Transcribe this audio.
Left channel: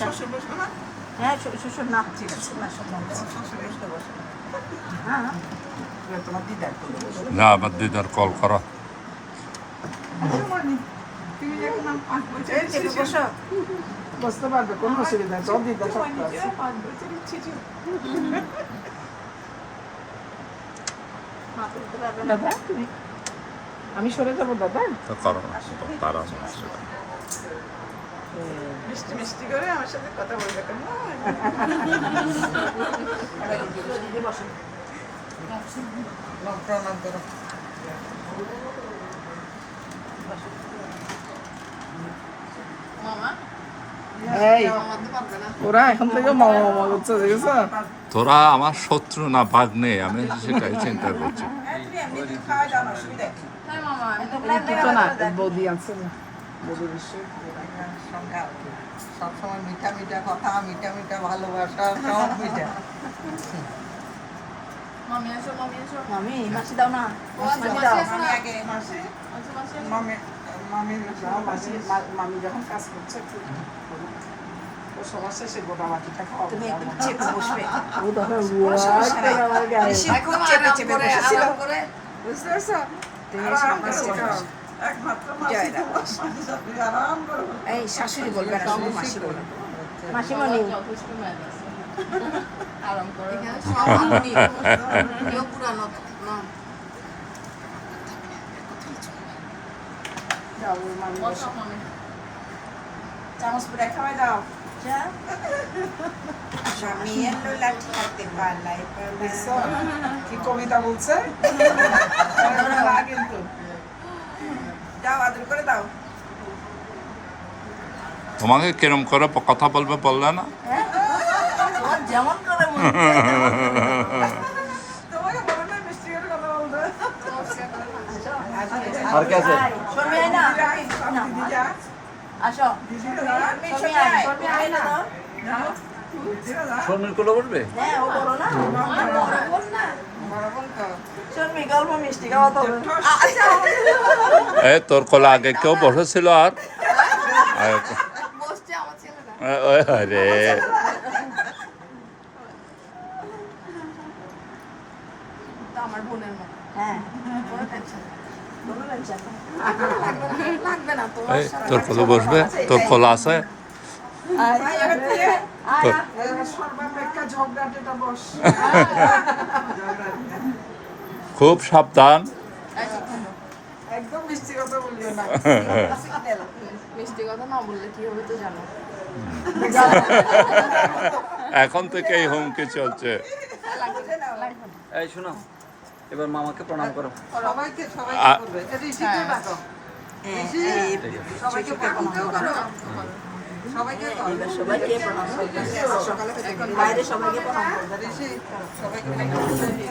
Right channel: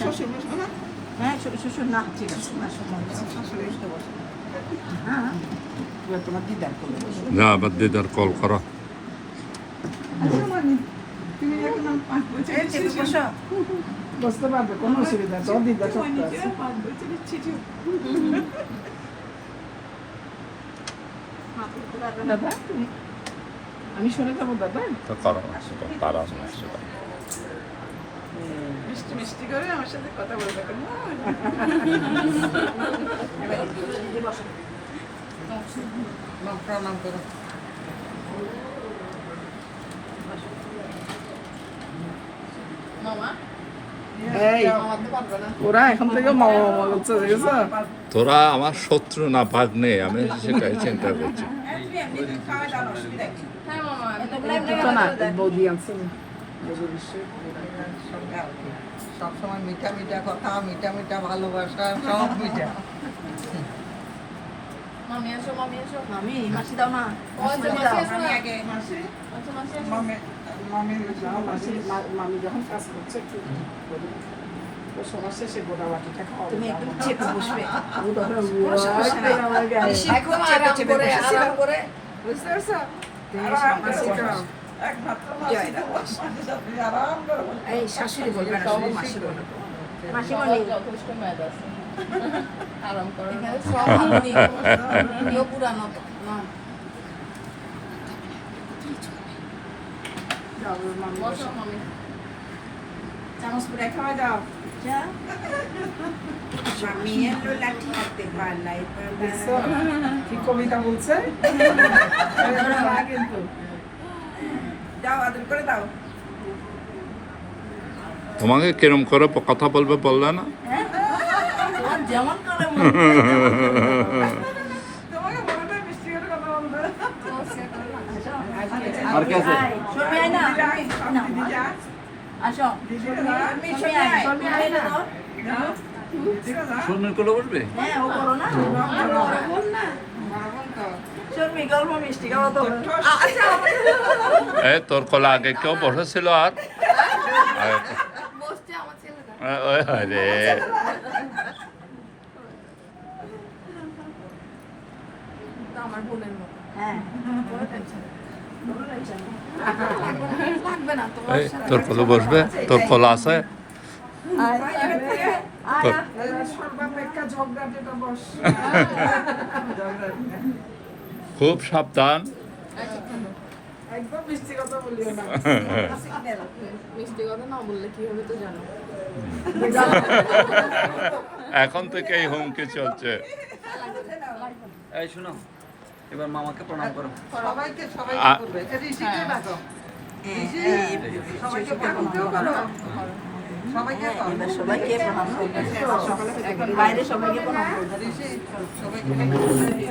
শ্বশুর বসবো না? হ্যাঁ শ্বশুর না, ঠিক আছে তোমার দিদার করলে না, আমার দিদার কল করো। তুমি যখন বসতে পারবে, কোনো অসুবিধা নেই। দিদা দাদা তুমি, আমি সরে যাবো দাদা। করো তারা মিষ্টি মিষ্টি করে আমার সাথে কথা বলবে কেমন? প্রণাম করো। ওরা এখন থেকে তোরা আমার শত্রু না ভাগ্নে, আমি সেটাই চিন্তা করছি। বৌদি আছে সবসময় মিঠা মিঠা কথা, মিঠা মিঠা ভালোবাসা, সব মিঠা। মামি আসো, মামি আসো। মামি মাসি দাও না, মামি যখন কাজ করছে সমস্যা, সে গোটা বাটিটা খাওয়া। তুমি একটু চেপে বসবে, বুঝতে পারছো? এই শাশুড়ি বলবে না, শুধু মাসি বলবে। মাসি মানে যথেষ্ট মেয়াদ আছে। আরাম করো। এখানে সব পুরানো তো না। বসো মামি। চামচ পরে খাওয়া দাও। কি কবিতা বলছে কিন্তু, দাও আদর করে দাও। তোমাকে কিরম করে কথা বলবে বললে না? যেমন করে তোমাকে বলবে মিষ্টি করে কথা বলবে। আসো তোর কোলে আগে কেউ বসেছিল? আর বসছে আমার ছেলেরা। আরে আমার বোনের মতো। হ্যাঁ লাগবে না তো। তোর কোলে বসবে, তোর কোলে আছে তোর। খুব সাবধান। একদম মিষ্টি কথা বলিও না। মিষ্টি কথা না বললে কি হবে তো জানো। এখন থেকে এই হুমকি চলছে। এই শোনো, এবার মামাকে প্রণাম করো। সবাইকে করবে। ঋষিকে ডাকো। সবাইকে প্রণাম করো। সবাইকে সবাইকে প্রণাম করবে, বাইরে সবাইকে প্রণাম করবে। ঋষি সবাইকে